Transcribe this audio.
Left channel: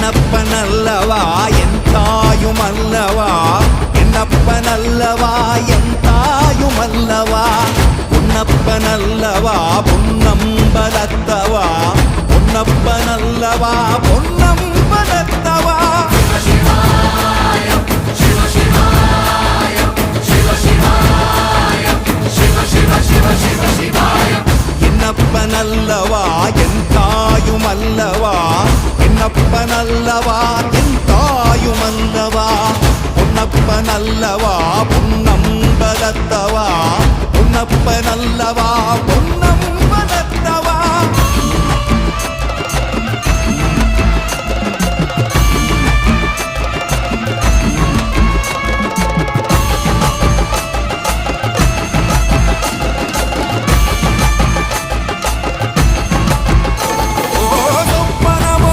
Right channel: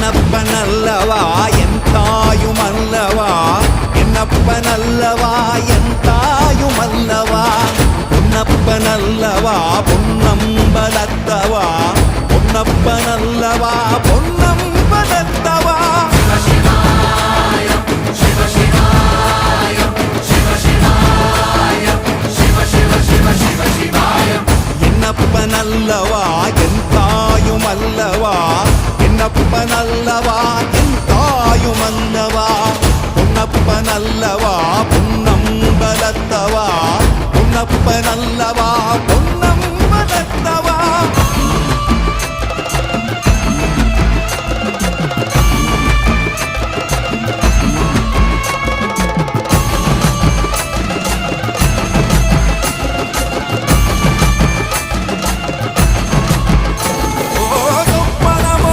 என்னப்பனல்லவா என் தாயுமல்லவா என்னப்பனல்லவா என் தாயுமல்லவா பொன்னப்பனல்லவா பொன்னம்பலத்தவா பொன்னப்பனல்லவா பொன்னம்பலத்தவா என்னப்பனல்லவா என் தாயுமல்லவா என்னப்பனல்லவா என் தாயுமல்லவா பொன்னப்பனல்லவா பொன்னம்பலத்தவா பொன்னப்பனல்லவா பொன்னம்பலத்தவா